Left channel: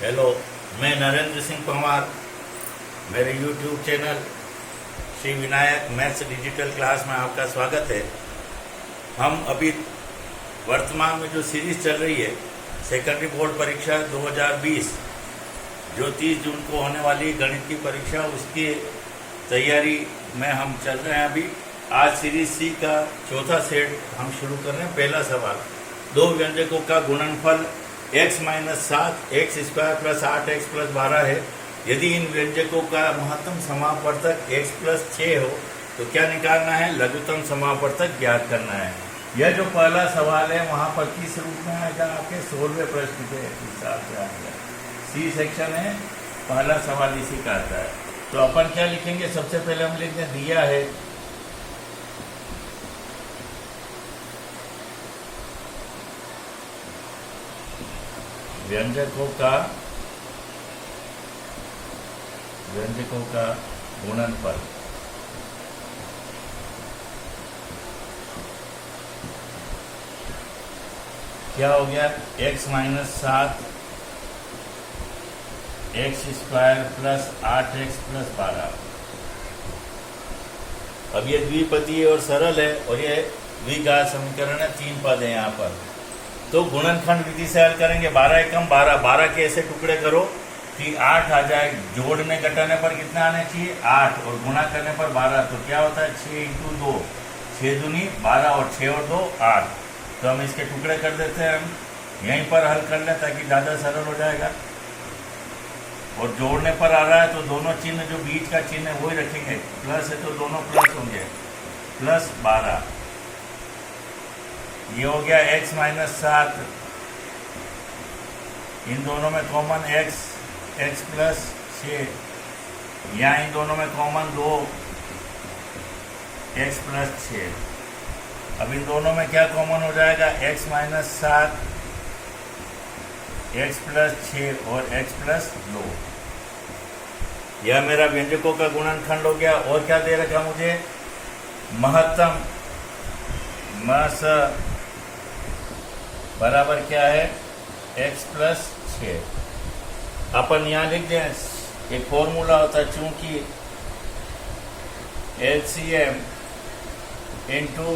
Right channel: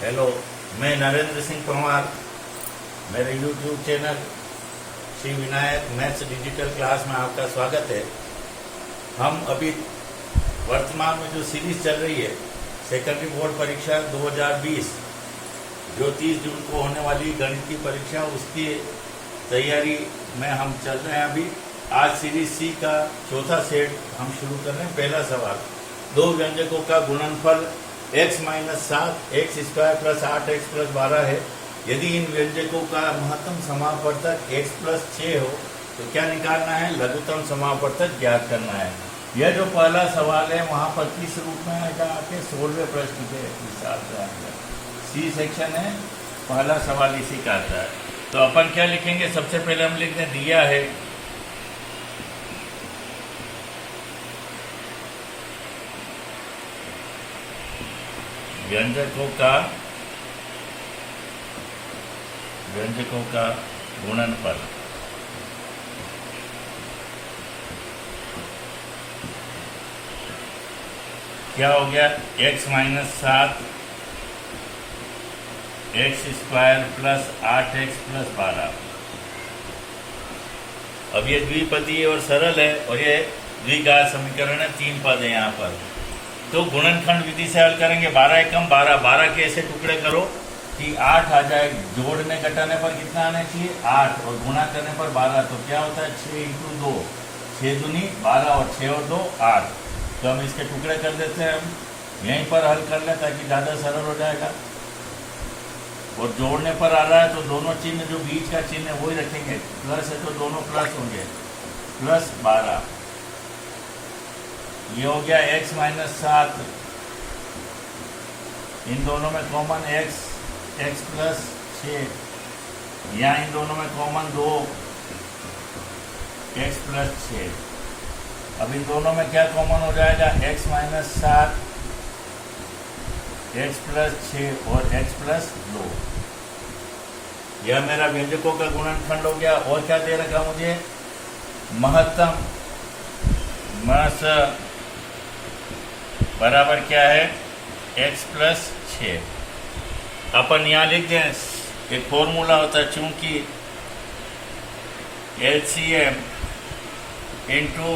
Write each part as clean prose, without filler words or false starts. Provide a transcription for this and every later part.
Hello, मैं नरेंद्र सिंह परमार। मेरे YouTube channel Shri Vinayak maths digital class में आपका स्वागत है। हम अभी वर्तमान में जो सीरीज चल रही है सेकेंडरी बोर्ड परीक्षा 2020 जो 30 जून को होने वाली गणित की परीक्षा, उसकी तैयारी में हम चल रहे हैं। अभी आज सीरीज सी का चौथा सेट हम शुरू कर रहे हैं। पहला सवाल, दो व्यंजकों का गुणनफल x minus 7 x square plus 8x plus 12 है। यदि इन व्यंजकों का महत्तम समापवर्तक x प्लस 6 हो तो क्या निकालना है? लघुत्तम समापवर्तक ज्ञात करना है। यह जो पहला सवाल है वहां पर किस रूप में आएगा? आपके 16वें प्रश्न के हिसाब से आएगा। सी सेक्शन है, पहला सवाल इसी का आता है। तो अपन क्या लिखेंगे? सबसे पहले हम लिखते हैं, दिया है व्यंजकों का गुणनफल। क्या हो गया? x minus 7 x square plus 8x plus 12। अब ये द्विपदीय और सरल है और ये द्विघात समीकरण है, 3 पद है यहाँ पर। तो गुणनखंड विधि से हल करेंगे। 12 एकम 12, 12 के ऐसे टुकड़े करो कि 8 आ जाए। जोड़ने घटाने पर कितना आना चाहिए? 8, और गुणा करने पर 12। तो क्या होता है? 6 × 2, 6 दूनी 12 और 6 और 2 8। तो हम इसके टुकड़े कर देते हैं। हम यहीं पर हल कर लें ताकि ज़्यादा सरल हो जाएगा। और जोड़ने पर आ रहा है तो दोनों चिन्ह, जो बीच का चिन्ह है वही रखेंगे। प्लस है तो दोनों प्लस होंगे, प्लस 12। ये हो गया x माइनस 7, इन दोनों में कॉमन x प्लस 6, यहाँ इन दोनों में कॉमन 2 x प्लस 6। अब इन दोनों में क्या कॉमन हो जाएगा? x माइनस 7 x प्लस 6 और x प्लस 2। यह मेरा व्यंजकों का गुणनखंड हो गया। और क्या दे रखा मुझे? महत्तम मस बराबर क्या है? x plus 6। अपन यहाँ लिख दें, एक फॉर्मूला होता है, चूंकि HCM इंटू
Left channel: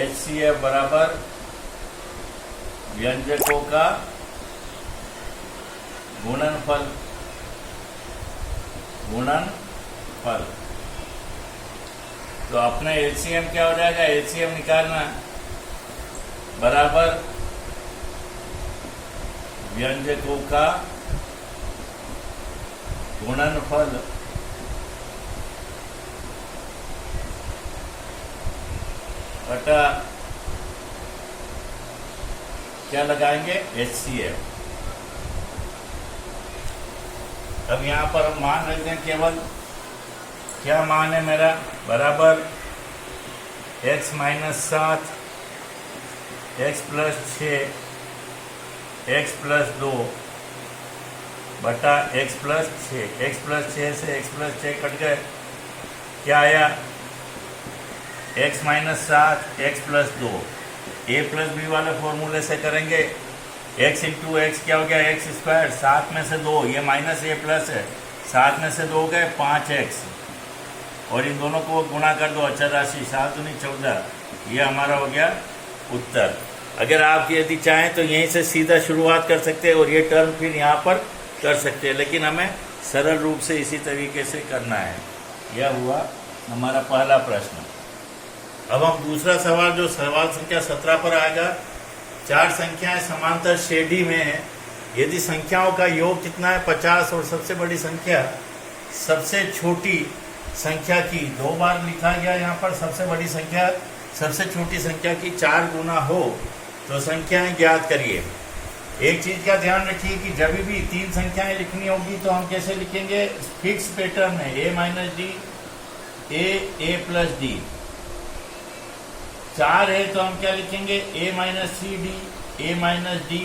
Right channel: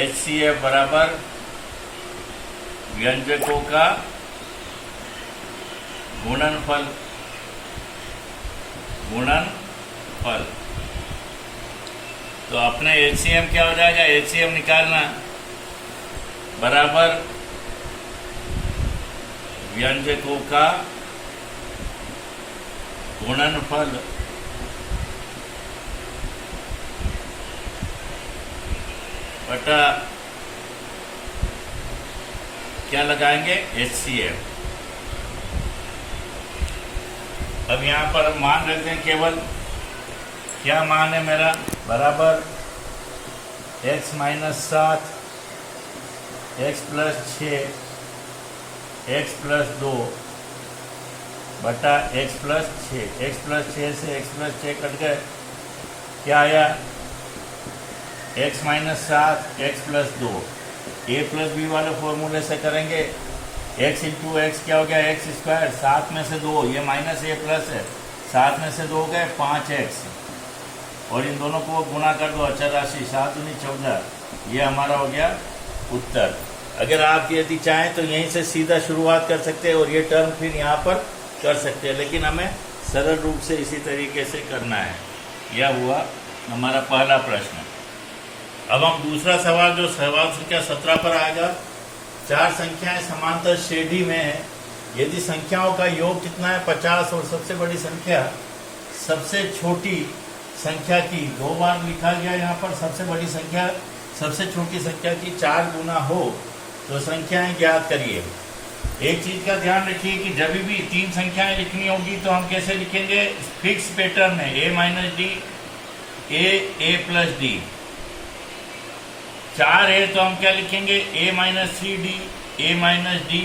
HCF बराबर व्यंजकों का गुणनफल। तो अपने HCM क्या हो जाएगा? HCM निकालना बराबर व्यंजकों का गुणनफल बटा क्या लगाएंगे? HCF। अब यहां पर हम मान रखते हैं केवल। क्या मान है मेरा? बराबर x minus 7 x plus 6 x plus 2 बटा एक्स प्लस 6। एक्स प्लस 6 से एक्स प्लस 6 कट गए। क्या आया? X minus 7 x plus 2। ए प्लस बी वाले फॉर्मूले से करेंगे। एक्स इंटू एक्स क्या हो गया? X square. 7 में से 2, ये माइनस ए प्लस है, 7 में से 2 हो गए 5x। और इन दोनों को गुणा कर दो, अचर राशि 7 दूनी 14। ये हमारा हो गया उत्तर। अगर आप यदि चाहें तो यहीं से सीधा शुरुआत कर सकते हैं और ये टर्म फिर यहाँ पर कर सकते हैं, लेकिन हमें सरल रूप से इसी तरीके से करना है। यह हुआ हमारा पहला प्रश्न। अब हम दूसरा सवाल, जो सवाल संख्या 17 पर आएगा। 4 संख्याएं समांतर श्रेणी में है। यदि संख्याओं का योग कितना है? 50 और सबसे बड़ी संख्या सबसे छोटी संख्या की 2 बार लिखा गया यहाँ पर। सबसे बड़ी संख्या सबसे छोटी संख्या की 4 गुना हो तो संख्याएं ज्ञात करिए। एक चीज का ध्यान रखिए कि जब भी 3 संख्याएं लिखनी होगी तो हम कैसे लिखेंगे? फिक्स पैटर्न में, a minus D, a plus D. 4 है तो हम क्या लिखेंगे? a minus 3d, a minus D,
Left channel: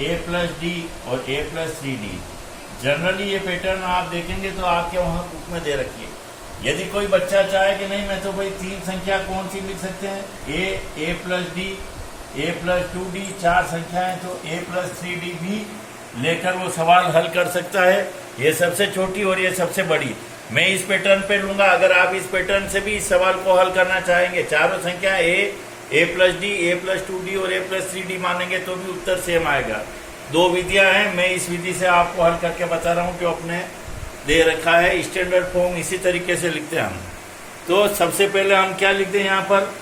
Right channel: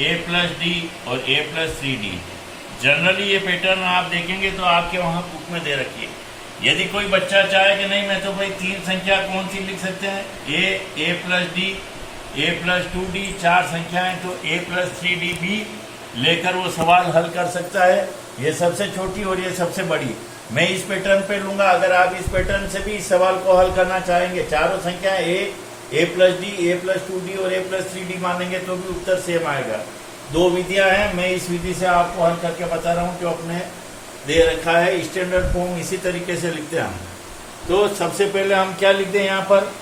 a plus D और a प्लस 3d। जनरली ये पैटर्न आप देखेंगे तो आपके वहां बुक में दे रखिए। यदि कोई बच्चा चाहे कि नहीं मैं तो भाई 3 संख्या कौन सी लिख सकते हैं, ए प्लस डी, ए प्लस 2d 4 संख्याएं, तो ए प्लस 3d भी लेकर वो सवाल हल कर सकता है। ये सबसे छोटी और ये सबसे बड़ी मैं इस पैटर्न पे लूंगा। अगर आप इस पैटर्न से भी इस सवाल को हल करना चाहेंगे, चारों संख्या ए प्लस डी, ए प्लस 2d और ए प्लस 3d मानेंगे तो भी उत्तर सेम आएगा। दो विधियां हैं, मैं इस विधि से आपको हल करके बता रहा हूं जो अपने दे रखा है। स्टैंडर्ड फॉर्म इसी तरीके से लिखते हैं हम। तो सबसे पहले हम क्या लिखते हैं यहाँ पर,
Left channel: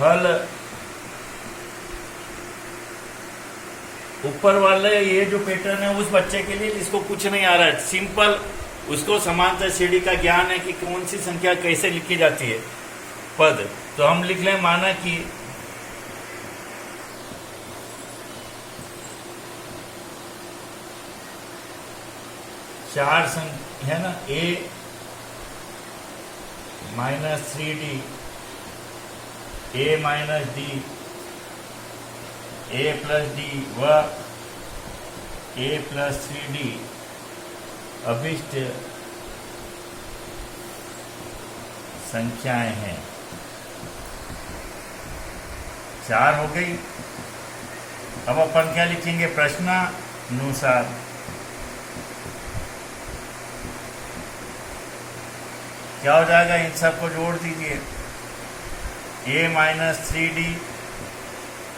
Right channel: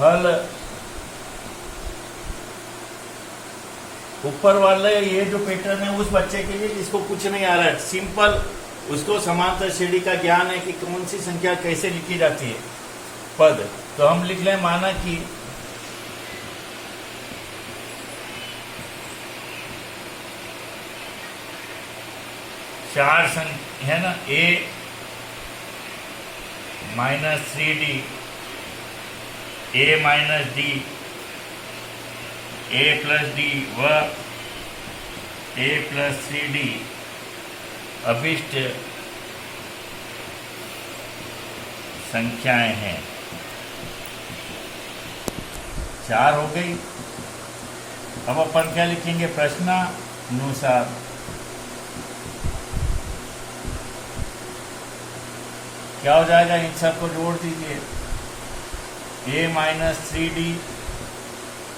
हल ऊपर वाले ये जो पैटर्न है उस बच्चे के लिए इसको कुछ नहीं आ रहा है, सिंपल उसको समांतर श्रेणी का ज्ञान है कि कौन सी संख्या कैसे लिखी जाती है पद। तो हम लिख लें, माना कि चार संख्या है ना, a minus 3d, a minus d, a plus d व a प्लस 3d अभिष्ट संख्याएं हैं। 4 हो गई। अब अपन क्या लिखेंगे, प्रश्नानुसार क्या हो जाएगा, इन सबको जोड़ दीजिए। a minus 3d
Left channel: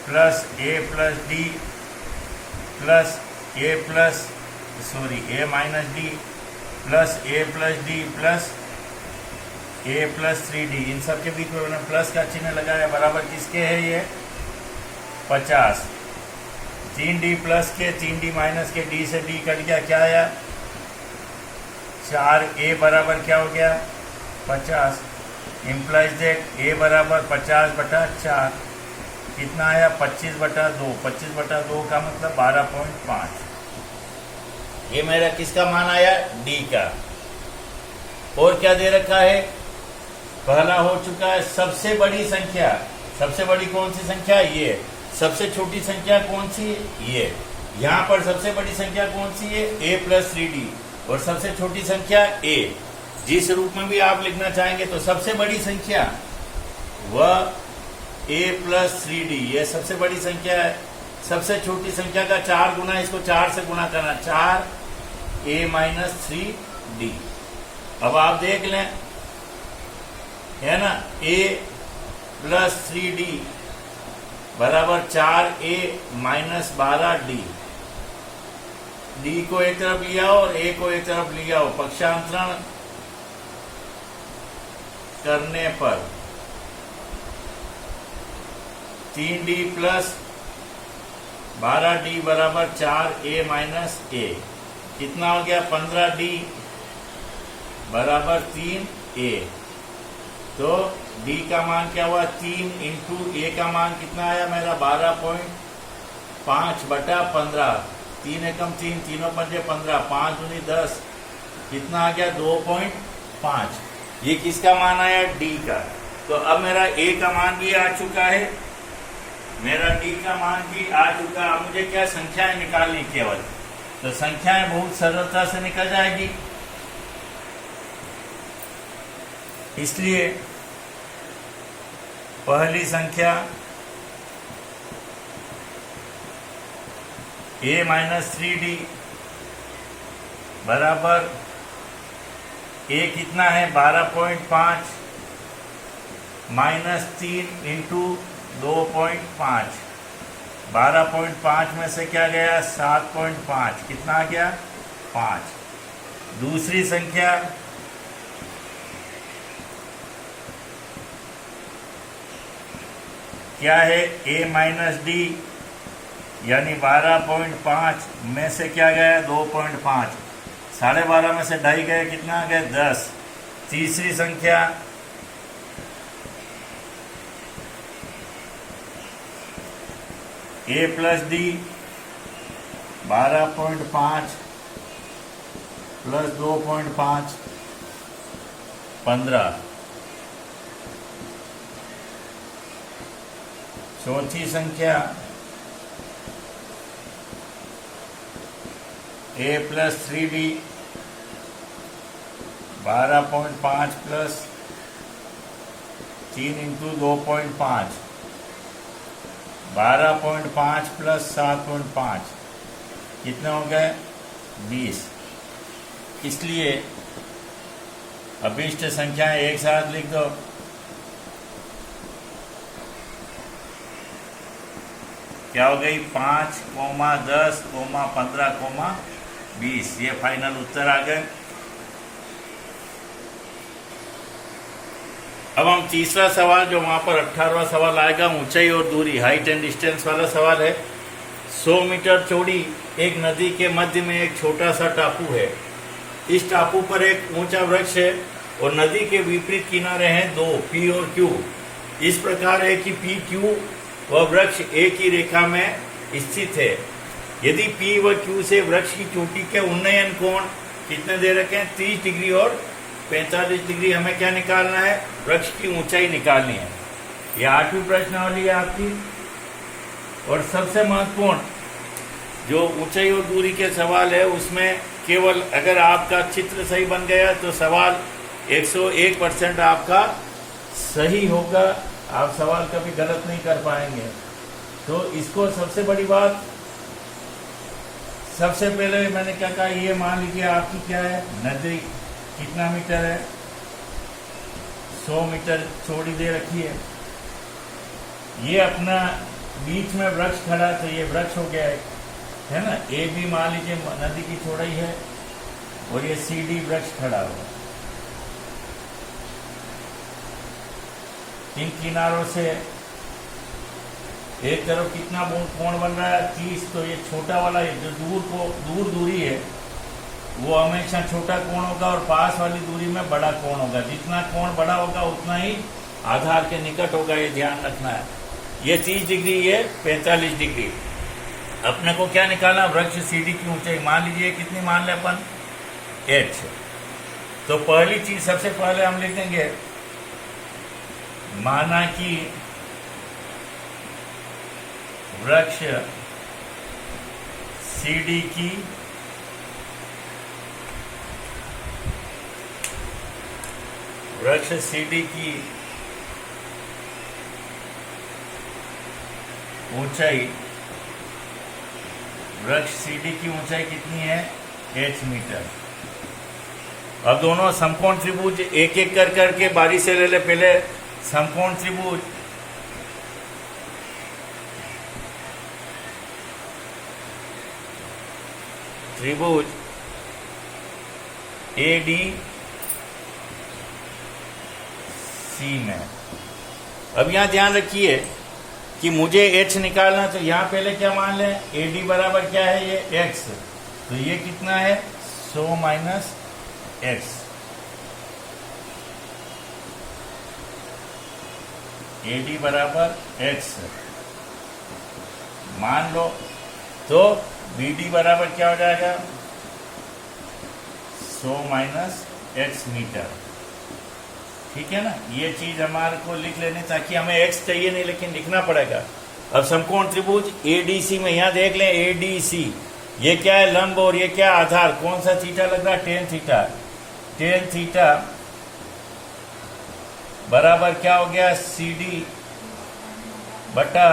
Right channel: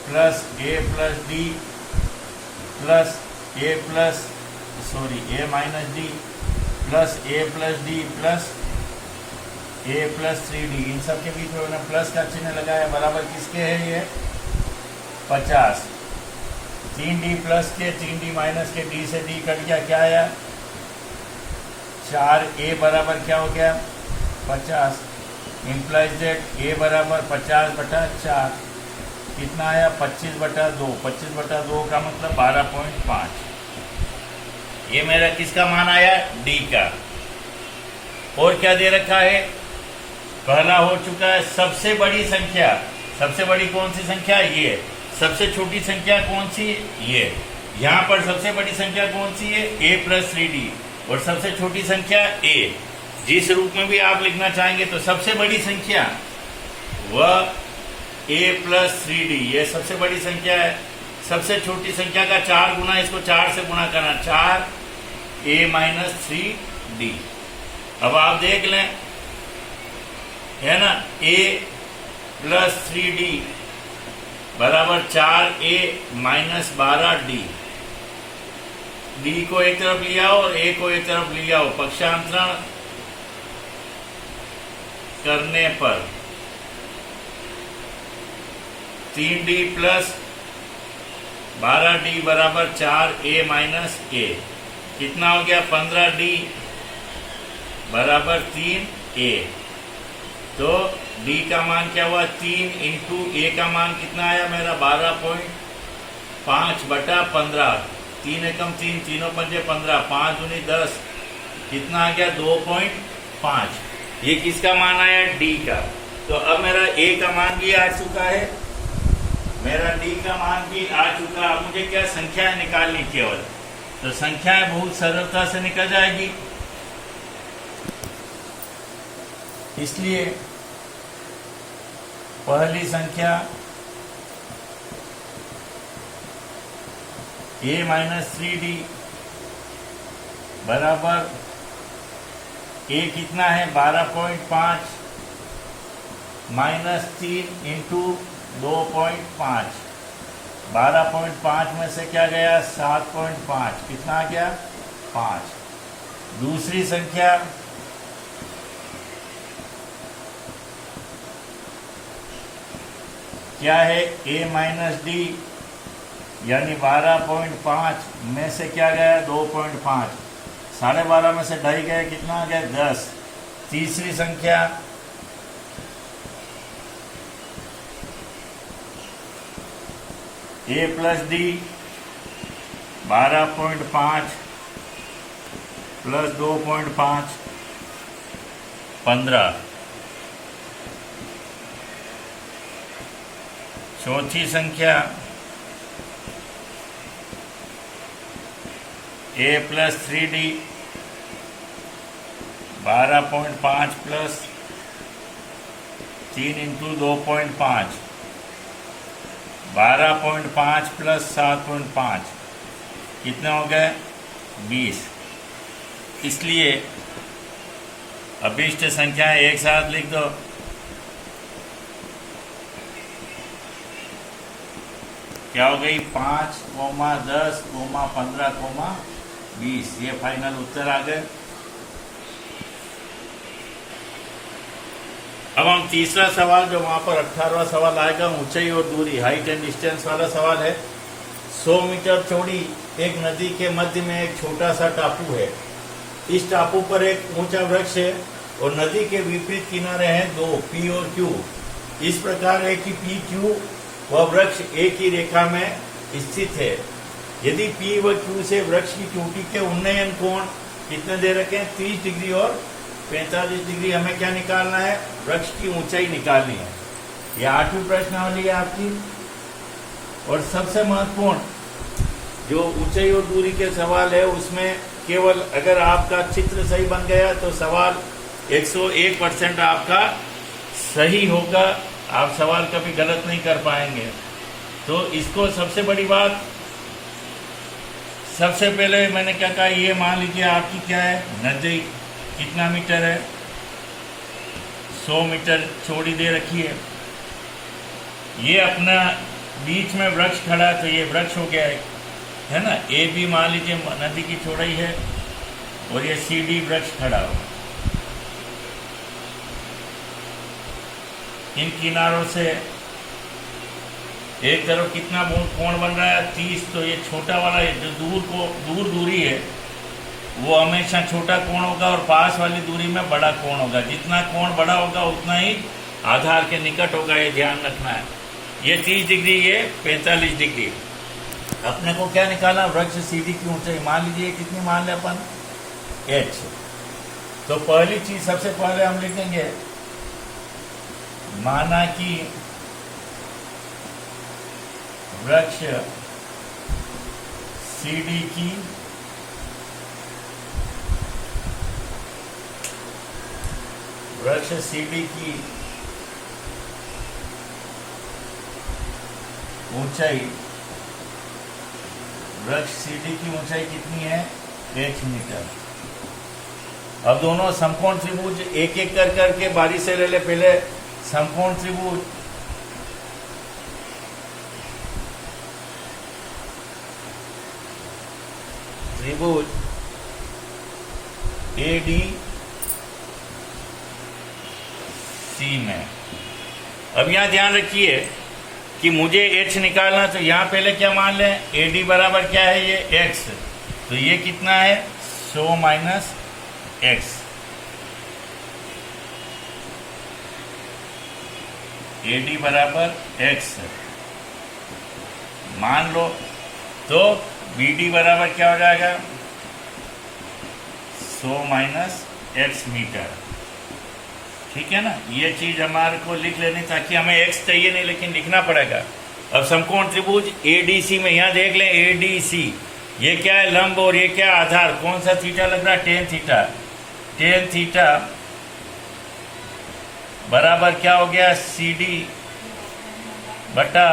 plus a plus d plus a minus d plus a plus d plus a plus 3d, इन सब के बीच में उन्होंने प्लस का चिन्ह लगाया। बराबर किसके है ये, 50। 3d प्लस के 3d माइनस के d से d कट गया, क्या आया 4a बराबर क्या हो गया 50। इम्प्लाइज दैट a बराबर 50/4 कितना आया 25/2। 25/2 का मतलब 12.5। ये मेरा किसका मान आया, d का। और क्या दे रखा है, पहला हो चुका है सबसे बड़ी संख्या। सबसे बड़ी कौन सी संख्या, ये। सबसे छोटी संख्या कौन सी, ये। यहां पर सबसे बड़ी संख्या कौन सी है, a प्लस 3d और सबसे छोटी संख्या a। जिस रूप में भी आप लिखना चाहेंगे, तो सबसे बड़ी संख्या वह a प्लस 3d, ये सबसे बड़ी संख्या है। सबसे छोटी संख्या का 4 गुना, इसको 4 से गुना करना, 4a माइनस 3d। अब आप देख लें, है ना, a प्लस 3d बराबर 4a माइनस 12d। d को एक तरफ लिया और a को एक तरफ लिया हो, पक्षांतरण करने पर 3d प्लस 12d बराबर 4a माइनस a। कितना हो गया, 15d बराबर 3a। तो d का मान क्या हुआ, 3 इंटू a का मान कितना आया मेरा 12.5/15। 3 एकम 3, तीनों पंजे 15, 5 दूनी 10, कितना आ गया 2.5। ये किसका मान आया, d का। तो अब मेरा a का मान भी आ चुका है, मेरा d का मान भी आ चुका। अब मुझे क्या संख्याएं निकालनी केवल, तो संख्याएं बहुत सरलता से निकल जाएगी। इसलिए पहली संख्या a माइनस 3d बराबर a कितना है 12.5 माइनस 3 इंटू 2.5। 12.5 में से क्या गया 7.5, कितना आ गया 5। दूसरी संख्या क्या है, a माइनस d यानी 12.5 में से क्या गया 2.5। 12.5 में से 2.5 गए, कितना आ गया 10। तीसरी संख्या a प्लस d 12.5 प्लस 2.5 15। चौथी संख्या a plus 3d 12.5 plus 3 into 2.5 12.5 plus 7.5 कितने हो गए 20। इसलिए अभिष्ट संख्याएं एक साथ लिख दो। क्या हो गई 5, 10, 15, 20। ये फाइनल उत्तर आ गए। अब हम तीसरा सवाल, जो वहां पर 18वां सवाल आएगा, ऊंचाई और दूरी, हाइट एंड डिस्टेंस वाला सवाल है। 100 मीटर चौड़ी एक नदी के मध्य में एक छोटा सा टापू है। इस टापू पर एक ऊंचा वृक्ष है और नदी के विपरीत किनारे हैं दो, पी और क्यू। इस प्रकार है कि पी क्यू वह वृक्ष एक ही रेखा में स्थित है। यदि पी व क्यू से वृक्ष की चोटी के उन्नयन कोण कितने दे रखे हैं 30 डिग्री और 45 डिग्री। हमें क्या निकालना है, वृक्ष की ऊंचाई निकालनी है। यह 8वीं प्रश्नावली है आपकी। और सबसे महत्वपूर्ण जो ऊंचाई और दूरी के सवाल है, उसमें केवल अगर आपका चित्र सही बन गया तो सवाल 101% आपका सही होगा। आप सवाल कभी गलत नहीं कर पाएंगे। तो इसको सबसे बड़ी बात, सबसे पहले मैंने क्या कहा, ये मान लीजिए आपकी क्या है, नदी कितना मीटर है, 100 मीटर चौड़ी दे रखी है। ये अपना बीच में वृक्ष खड़ा, तो ये वृक्ष हो गया है ना। ए भी मान लीजिए नदी की चौड़ाई है और ये सी डी वृक्ष खड़ा हुआ। इन किनारों से एक तरफ कितना कोण बन रहा है 30। तो ये छोटा वाला जो दूर दूरी है वो हमेशा छोटा कोण होगा और पास वाली दूरी में बड़ा कोण होगा। जितना कोण बड़ा होगा उतना ही आधार के निकट होगा, ये ध्यान रखना है। ये 30 डिग्री, ये 45 डिग्री। अपने को क्या निकालना, वृक्ष सीधी की ऊंचाई मान लीजिए कितनी मान ले अपन, h। तो पहली चीज सबसे पहले हम लिखेंगे, माना कि वृक्ष सीडी की ऊंचाई, वृक्ष सीडी की ऊंचाई कितनी है, h मीटर। अब दोनों समकोण त्रिभुज एक एक कर करके बारी से ले ले। पहले समकोण त्रिभुज ADC में। अब यहां ध्यान रखिए कि मुझे h निकालना, तो यहां पहले क्या मान लें, AD बराबर क्या है, ये x। तो ये कितना है 100 माइनस x। AD बराबर x मान लो, तो BD बराबर क्या हो जाएगा 100 माइनस x मीटर। ठीक है ना। ये चीज हमारे को लिख लेनी, ताकि हमें x चाहिए नहीं लेकिन लिखना पड़ेगा। अब समकोण त्रिभुज ADC में यहां देख लें, ADC ये क्या है, लंब, और ये क्या आधार, कौन सा थीटा लग रहा है, टेन थीटा। टेन थीटा बराबर क्या हो गया, CD बटा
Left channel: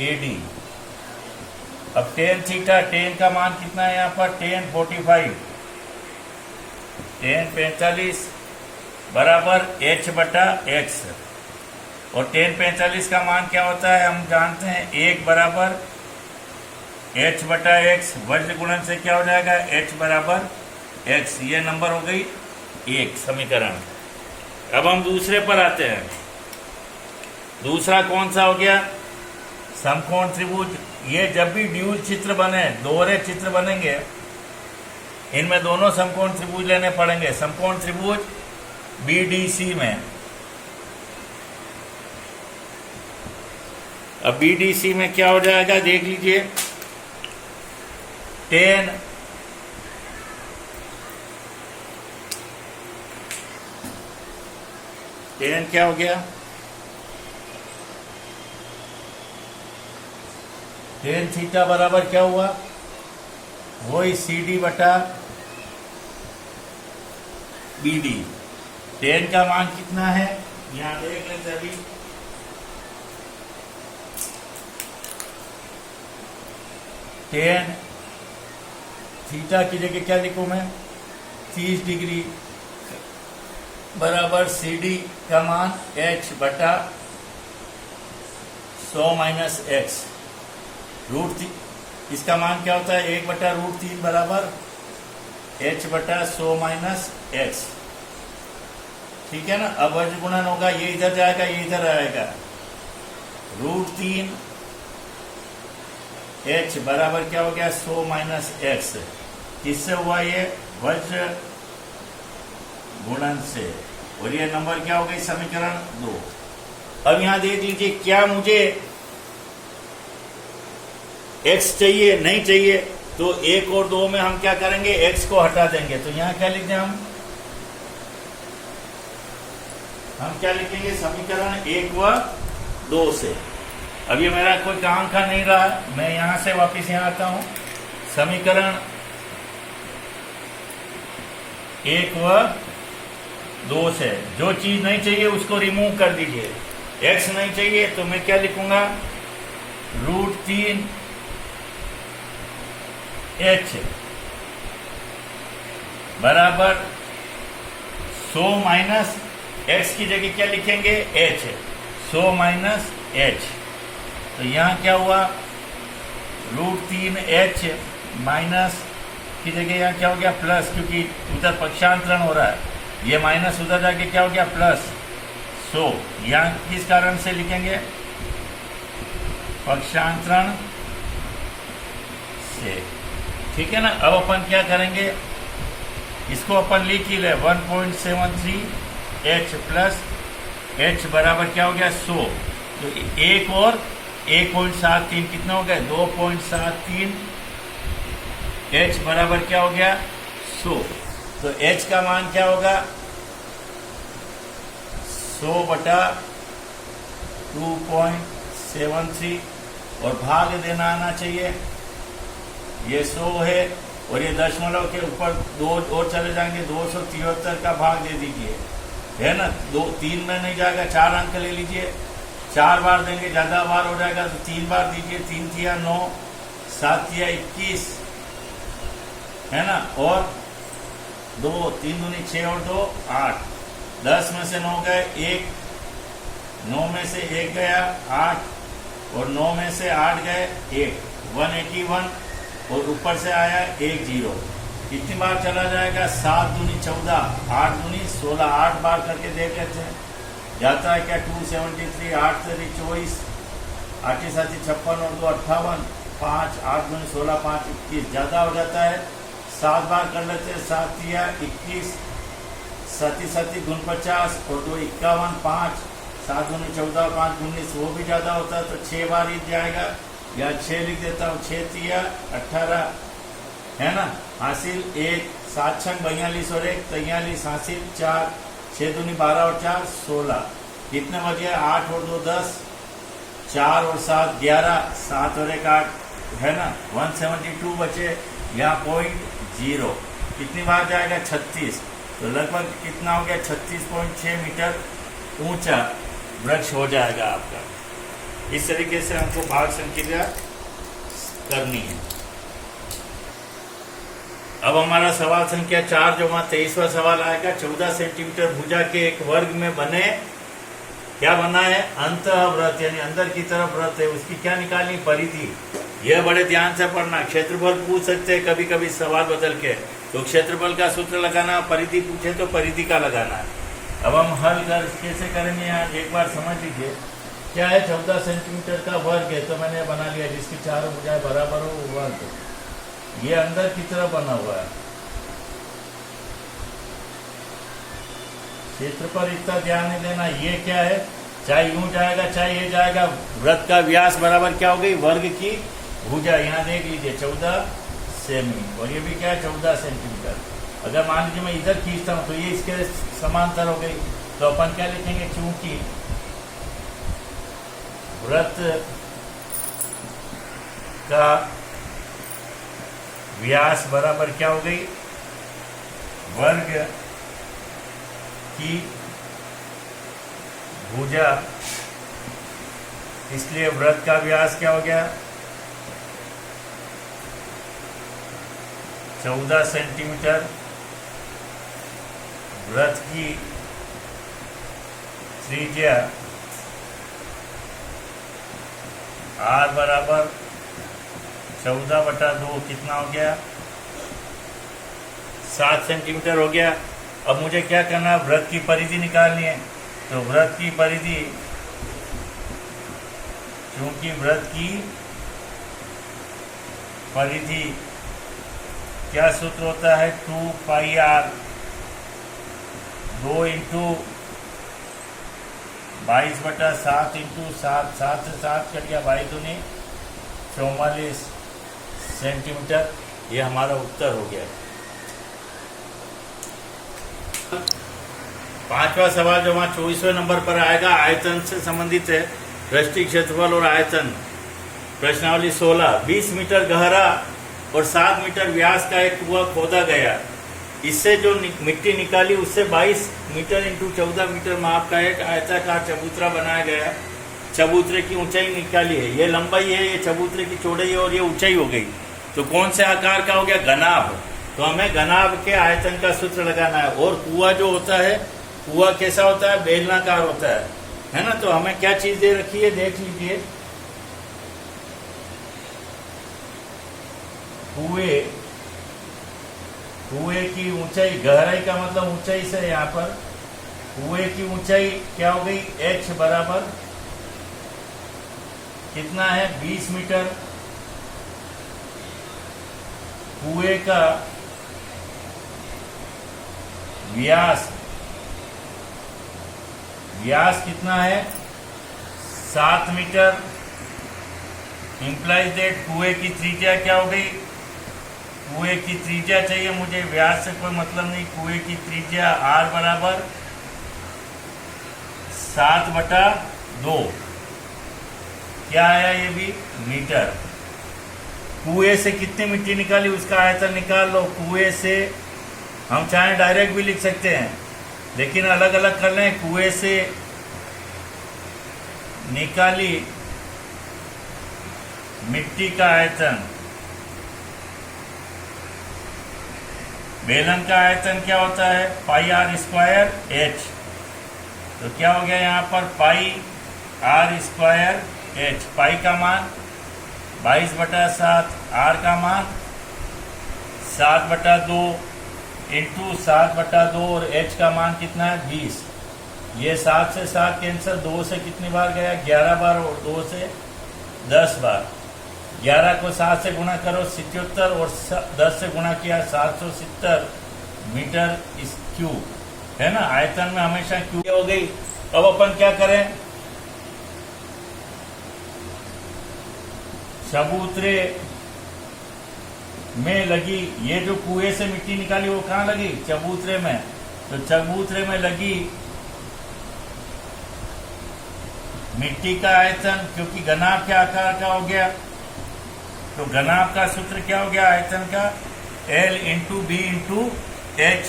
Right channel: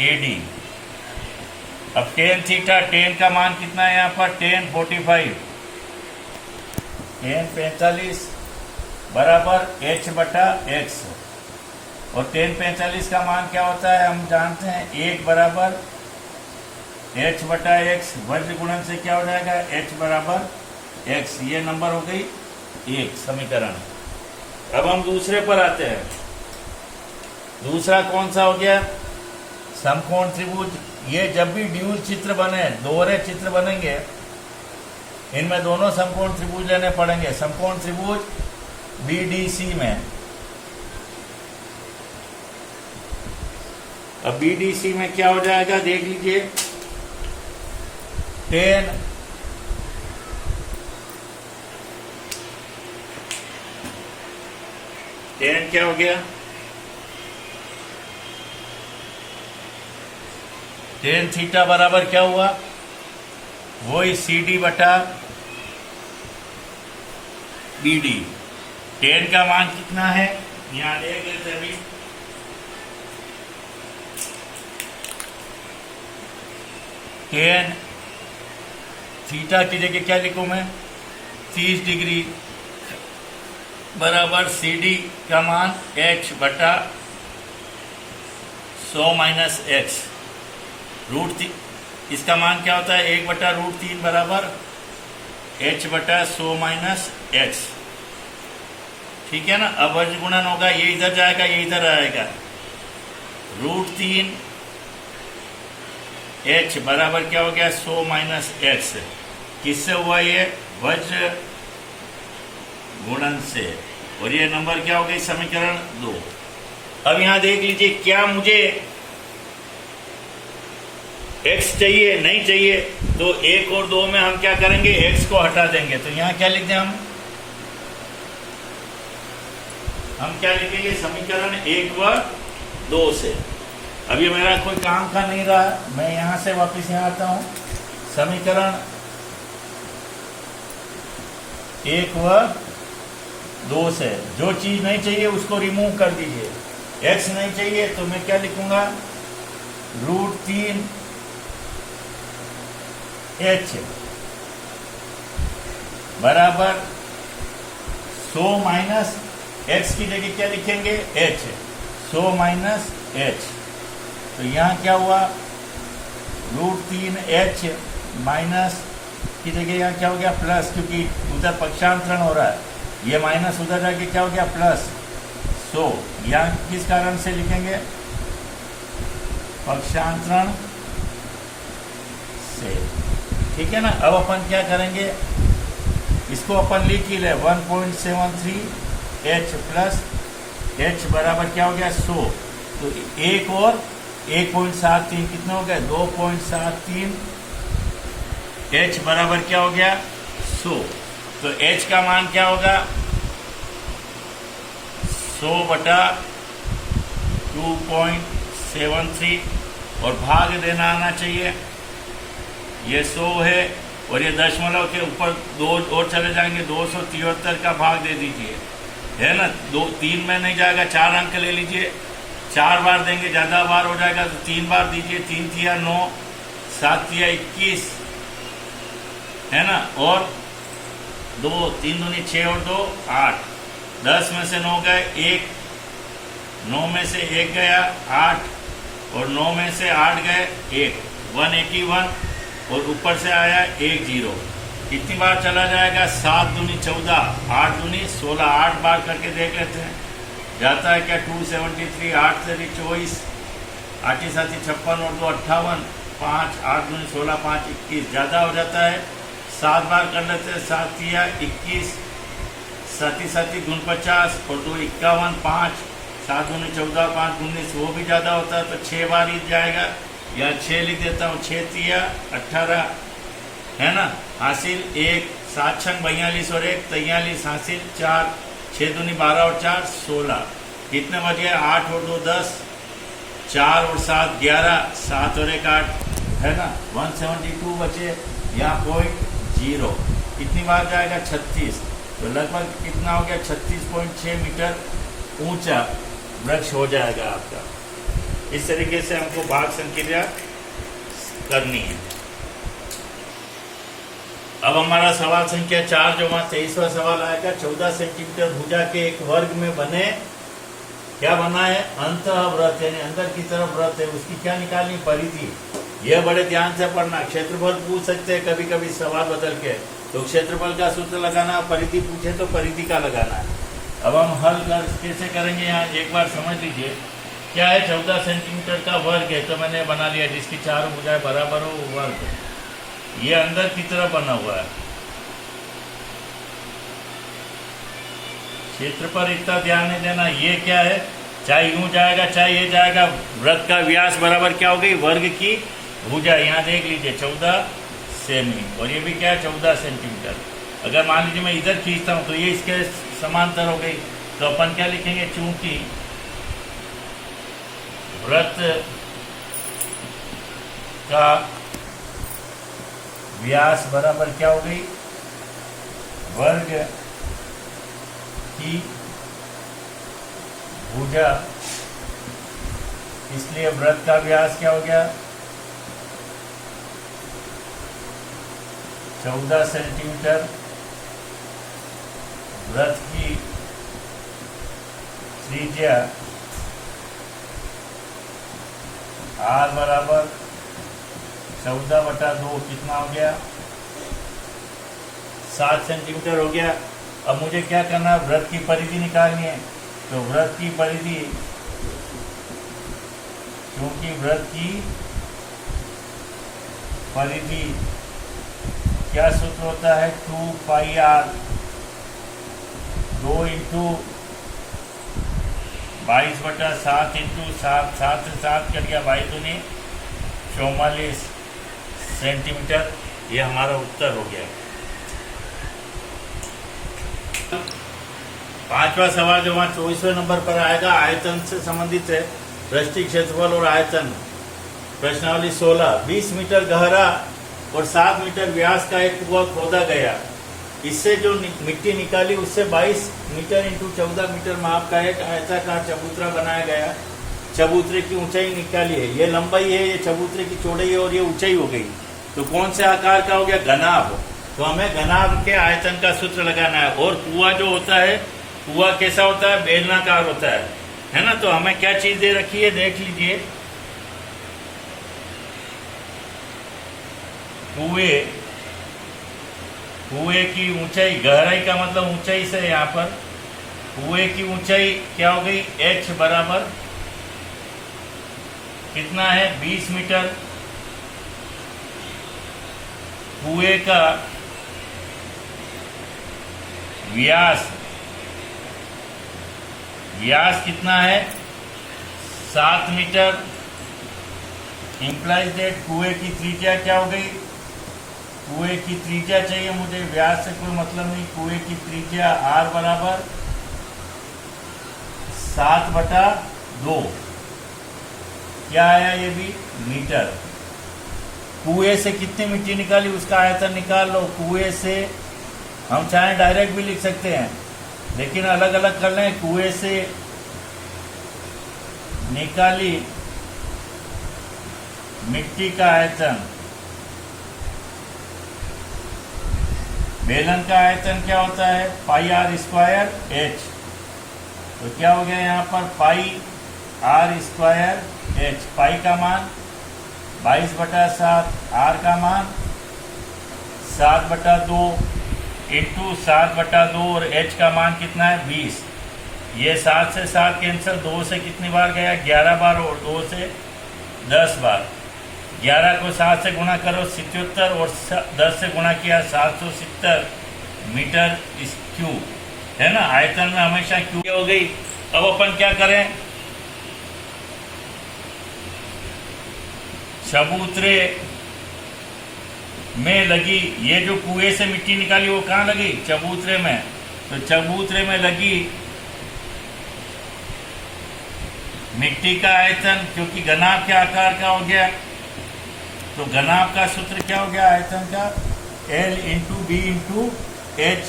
AD। अब टेन थीटा, टेन का मान कितना है यहाँ पर, टेन 45, टेन 45 बराबर h बटा x। और टेन 45 का मान क्या होता है, हम जानते हैं 1 बराबर h बटा x। वज्र गुणन से क्या हो जाएगा, h बराबर x। ये नंबर हो गई एक समीकरण। अब हम दूसरे पर आते हैं। दूसरा कौन सा हो गया, समकोण त्रिभुज। ये जब भी ड्यूल चित्र बने, दोहरे चित्र बनेंगे, इनमें दोनों समकोण त्रिभुज लेने पड़ेंगे। समकोण त्रिभुज BDC में, अब BDC में क्या हो जाएगा देख लीजिए, टेन क्या हो गया, टेन थीटा बराबर क्या हुआ, वही CD बटा BD। टेन का मान कितना है, यहां देख लेते अभी, टेन थीटा की जगह क्या लिखूं मैं 30 डिग्री बराबर सी डी का मान h बटा 100 माइनस एक्स रूट इसका मान क्या होता है 1 बटा √3 बराबर h बटा 100 माइनस एक्स। ठीक है ना। अब वज्र गुणन होगा, ये इधर जाएगा ये इधर आएगा, √3 h बराबर क्या हो गया 100 माइनस एक्स। किससे हुआ ये वज्र गुणन से, और ये नंबर क्या हो गई समीकरण 2। अब यहां देख लीजिए क्या मुझे x चाहिए नहीं चाहिए, तो 1 और 2 में हम क्या करेंगे x को हटा देंगे। तो यहां क्या लिख दें हम क्या लिखेंगे समीकरण 1 व 2 से। अभी मेरा कोई काम कर नहीं रहा, मैं यहां से वापिस यहां आता हूं। समीकरण 1 व 2 से जो चीज नहीं चाहिए उसको रिमूव कर दीजिए। x नहीं चाहिए तो मैं क्या लिखूंगा √3 h बराबर 100 माइनस x की जगह क्या लिखेंगे h, 100 माइनस h। तो यहां क्या हुआ √3 h माइनस की जगह यहां क्या हो गया प्लस, क्योंकि उधर पक्षांतरण हो रहा है, ये माइनस उधर जाके क्या हो गया प्लस 100। यहां किस कारण से लिखेंगे पक्षांतरण से। ठीक है ना। अब अपन क्या करेंगे इसको अपन लिख ही ले 1.73 h प्लस h बराबर क्या हो गया 100। तो 1 और 1.73 कितना हो गया 2.73 h बराबर क्या हो गया 100। तो h का मान क्या होगा 100 बटा 2.73 और भाग देना आना चाहिए। ये 100 है और ये दशमलव के ऊपर 2 और चले जाएंगे, 273 का भाग दे दीजिए, है ना। 3 में नहीं जाएगा, 4 अंक ले लीजिए, 4 बार देंगे, ज्यादा बार हो जाएगा तो 3 बार दीजिए। 3 तिया 9, 7 तिया 21, है ना। और 2 3 दूनी 6 और 2 8, 10 में से 9 गए 1, 9 में से 1 गया 8 और 9 में से 8 गए 1, 181 और ऊपर से आया 1 0। कितनी बार चला जाएगा 7 दूनी 14, 8 दूनी 16, 8 बार करके देख लेते हैं जाता है क्या 273, 8 से 24, 8 7 56 और 2 58, 5 8 दूनी 16, 5 21, ज्यादा हो जाता है 7 बार कर लेते हैं। 7 तिया 21, 7 7 49 और 2 51, 5 7 दूनी 14, 5 19, वो भी ज्यादा होता है तो 6 बार ही जाएगा, या 6 लिख देता हूँ। 6 तिया 18, है ना। हासिल 1, 7 6 42 और 1 43, हासिल 4, 6 दूनी 12 और 4 16। कितने बज गए 8 और 2 10, 4 और 7 11, 7 और 1 8, है ना। 172 बचे या 0.0। कितनी बार जाएगा 36। तो लगभग कितना हो गया 36.6 मीटर ऊंचा वृक्ष हो जाएगा आपका। इस तरीके से हमको भाग संक्रिया करनी है। अब हमारा सवाल संख्या 4 जो 23वां सवाल आएगा। 14 सेंटीमीटर भुजा के एक वर्ग में बने क्या बना है अंतःवृत्त, यानी अंदर की तरफ वृत्त है, उसकी क्या निकालनी परिधि। यह बड़े ध्यान से पढ़ना। क्षेत्रफल पूछ सकते हैं कभी कभी सवाल बदल के, तो क्षेत्रफल का सूत्र लगाना, परिधि पूछे तो परिधि का लगाना है। अब हम हल कैसे करेंगे यहाँ एक बार समझ लीजिए। क्या है 14 सेंटीमीटर का वर्ग है, तो मैंने बना लिया जिसकी चारों भुजाएं बराबर हो वो वर्ग है। ये अंदर की तरफ बना हुआ है। क्षेत्र पर इतना ध्यान नहीं देना। ये क्या है, चाहे यूं जाएगा चाहे ये जाएगा, वृत्त का व्यास बराबर क्या हो गई वर्ग की भुजा। यहाँ देख लीजिए 14 सेमी, और ये भी क्या है 14 सेंटीमीटर। अगर मान लीजिए मैं इधर खींचता हूं तो ये इसके समांतर हो गई, तो अपन क्या लिखेंगे, चूंकि वृत्त का व्यास बराबर क्या हो गई वर्ग की भुजा, इसलिए वृत्त का व्यास क्या हो गया 14 सेंटीमीटर वृत्त की त्रिज्या r बराबर 14/2 कितना हो गया? 7 सेंटीमीटर हो गया। अब मुझे क्या करना है? वृत्त की परिधि निकालनी है। तो वृत्त की परिधि, क्योंकि वृत्त की परिधि क्या सूत्र होता है? 2πr 2 इंटू 22/7 इंटू 7, 7 से 7 कर दिया, 44 सेंटीमीटर। ये हमारा उत्तर हो गया। पांचवा सवाल जो वहां 24वें नंबर पर आएगा, आयतन से संबंधित है। पृष्ठीय क्षेत्रफल और आयतन, प्रश्नावली 16। 20 मीटर गहरा और 7 मीटर व्यास का एक कुआं खोदा गया। इससे जो मिट्टी निकाली उससे 22 मीटर इंटू 14 मीटर माप का एक आयताकार चबूतरा बनाया गया। चबूतरे की ऊंचाई निकाली है। ये लंबाई है, ये चबूतरे की चौड़ाई है और ये ऊंचाई हो गई। तो कौन से आकार का हो गया? घनाभ। तो हमें घनाभ के आयतन का सूत्र लगाना है। और कुआं जो होता है, कुआं कैसा होता है? बेलनाकार होता है ना। तो हमें क्या चीज दे रखी है, देख लीजिए। कुएं की ऊंचाई, गहराई का मतलब ऊंचाई से, यहाँ पर कुएं की ऊंचाई क्या हो गई? h बराबर कितना है? 20 मीटर। कुएं का व्यास कितना है? 7 मीटर। इंप्लाइज दैट कुएं की त्रिज्या क्या हो गई? कुएं की त्रिज्या चाहिए मुझे, व्यास से कोई मतलब नहीं। कुएं की त्रिज्या r बराबर 7/2 क्या आया? ये भी मीटर। कुएं से कितनी मिट्टी निकाली उसका आयतन निकाल लो। कुएं से हम चाहे डायरेक्ट भी लिख सकते हैं, लेकिन अलग अलग कर लें। कुएं से निकाली मिट्टी का आयतन, बेलन का आयतन क्या होता है? πr²h। तो क्या हो गया यहाँ पर? πr²h। पाई का मान 22/7, r का मान 7/2 इंटू 7/2 और h का मान कितना है? 20। ये 7 से 7 कैंसिल, 2 से कितनी बार गया? 11 बार और 2 से 10 बार। 11 को 7 से गुणा करो 77 और 10 से गुणा किया 770 मीटर क्यूब, है ना। आयतन में हमेशा क्यूब हो गई। अब अपन क्या करें? चबूतरे में लगी, ये जो कुएं से मिट्टी निकाली वो कहाँ लगी? चबूतरे में। तो चबूतरे में लगी मिट्टी का आयतन, क्योंकि घनाभ के आकार का हो गया, तो घनाभ का सूत्र क्या हो गया आयतन का? L into B into H.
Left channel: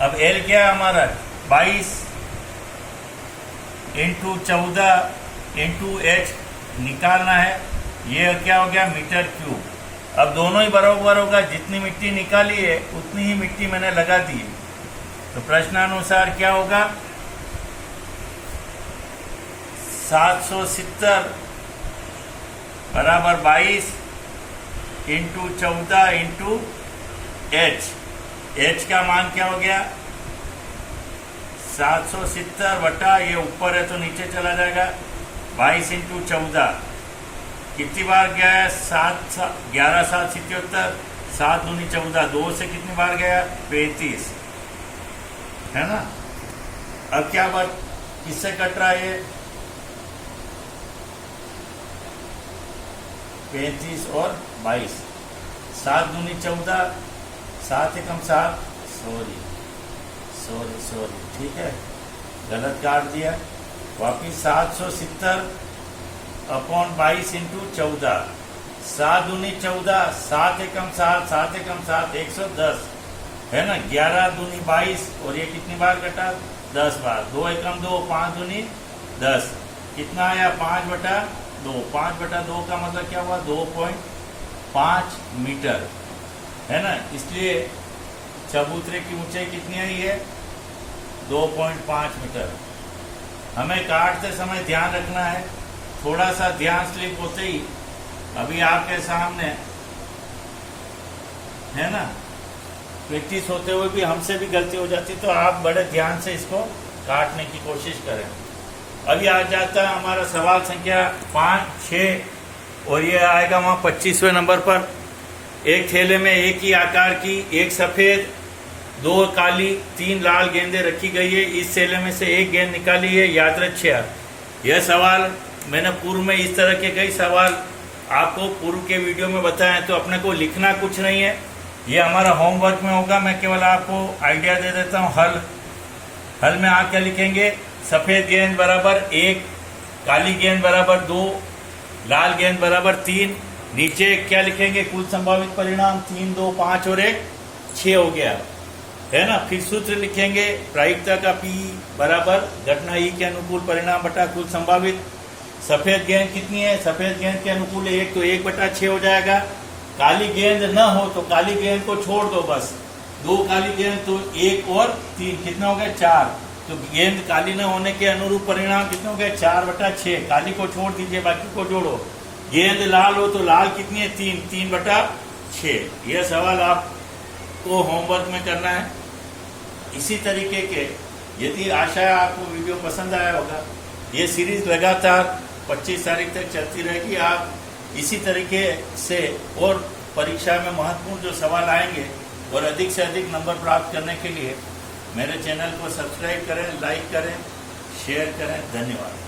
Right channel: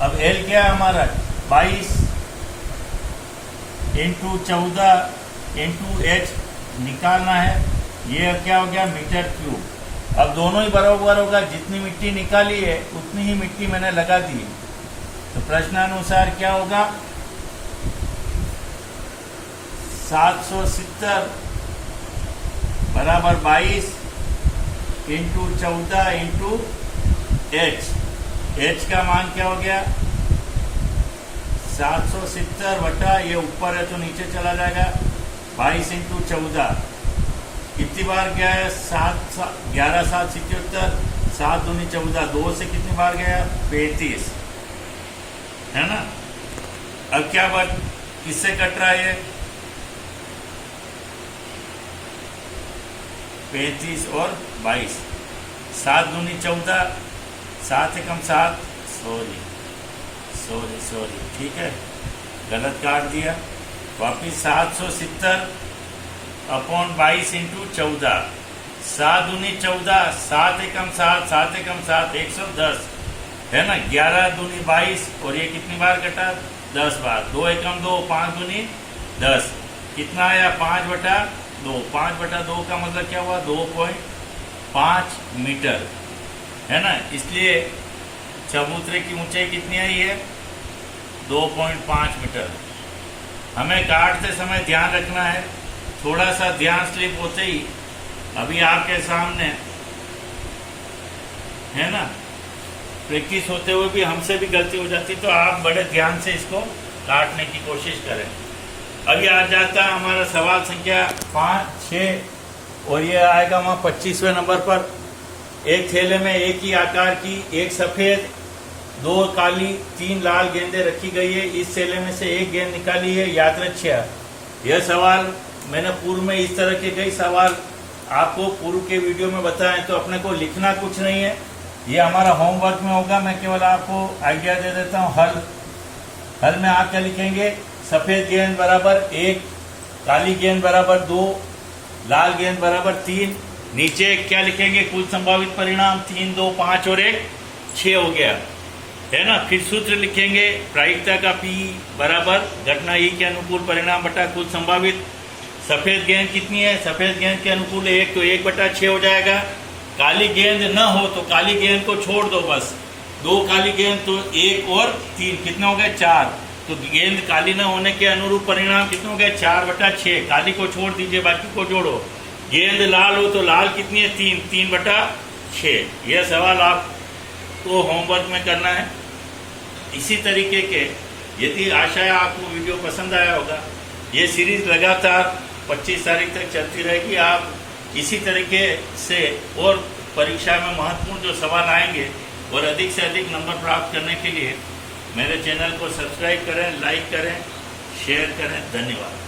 अब L क्या है हमारा? 22 इंटू 14 इंटू एच निकालना है। ये क्या हो गया? Metre cube. अब दोनों ही बराबर होगा, जितनी मिट्टी निकाली है उतनी ही मिट्टी मैंने लगा दी है। तो प्रश्नानुसार क्या होगा? 770 बराबर 22 इंटू 14 इंटू एच। एच का मान क्या हो गया? 770 बटा, ये ऊपर है तो नीचे चला जाएगा, 22 इंटू 14 कितनी बार गया है? 11 7 77, 7 दूनी 14, 2 से कितनी बार गया? 35, है ना। अब क्या बात, किससे कट रहा है? ये 35 और 22, 7 दूनी 14, 7 एकम 7, सॉरी, ठीक है, गलत काट दिया। वापिस 770 अपॉन 22 इंटू 14, 7 दूनी 14, 7 एकम 7, 7 एकम 7, 110, है ना। 11 दूनी 22 और ये कितनी बार कटा? 10 बार। 2 एकम 2, 5 दूनी 10, कितना आया? 5/2। 5/2 का मतलब क्या हुआ? 2.5 मीटर। है ना, इसलिए चबूतरे की ऊंचाई कितनी आई है, 2.5 मीटर। हमें काटते समय ध्यान रखना है, थोड़ा सा ध्यान स्लिप होते ही, अभी आपके सामने है ना, प्रैक्टिस होते हुए भी हमसे भी गलती हो जाती, तो आप बड़े ध्यान से इसको काटने की कोशिश करें। अभी आ जाता है हमारा सवाल संख्या 5, 6 और ये आएगा वहां 25वें नंबर पर। एक थैले में एक ही आकार की, एक सफेद, 2 काली, 3 लाल गेंदें रखी गई है। इस थैले में से एक गेंद निकाली है यादृच्छिक। यह सवाल मैंने पूर्व में इस तरह के कई सवाल आपको पूर्व के वीडियो में बताए, तो अपने को लिखना कुछ नहीं है, ये हमारा होमवर्क में होगा। मैं केवल आपको आइडिया दे देता हूँ। हल में आप क्या लिखेंगे, सफेद गेंद बराबर 1, काली गेंद बराबर 2, लाल गेंद बराबर 3। नीचे क्या लिखेंगे, कुल संभावित परिणाम 3, 2, 5 और 1, 6 हो गया, है ना। फिर सूत्र लिखेंगे, प्रायिकता का P बराबर घटना E के अनुकूल परिणाम बटा कुल संभावित। सफेद गेंद कितनी है, सफेद गेंद के अनुकूल 1, तो 1/6 हो जाएगा। काली गेंद न हो तो काली गेंद को छोड़ दो, बस 2 काली गेंद, तो 1 और 3 कितना हो गया, 4। तो गेंद काली न होने के अनुरूप परिणाम कितना हो गया, 4/6। काली को छोड़ दीजिए, बाकी को जोड़ो। गेंद लाल हो तो लाल कितनी है, 3, 3/6। यह सवाल आपको होमवर्क में करना है। इसी तरीके के, यदि आशा है आपको वीडियो पसंद आया होगा, ये सीरीज लगातार 25 तारीख तक चलती रहेगी। आप इसी तरीके से और परीक्षा में महत्वपूर्ण जो सवाल आएंगे और अधिक से अधिक नंबर प्राप्त करने के लिए मेरे चैनल को सब्सक्राइब करें, लाइक करें, शेयर करें। धन्यवाद।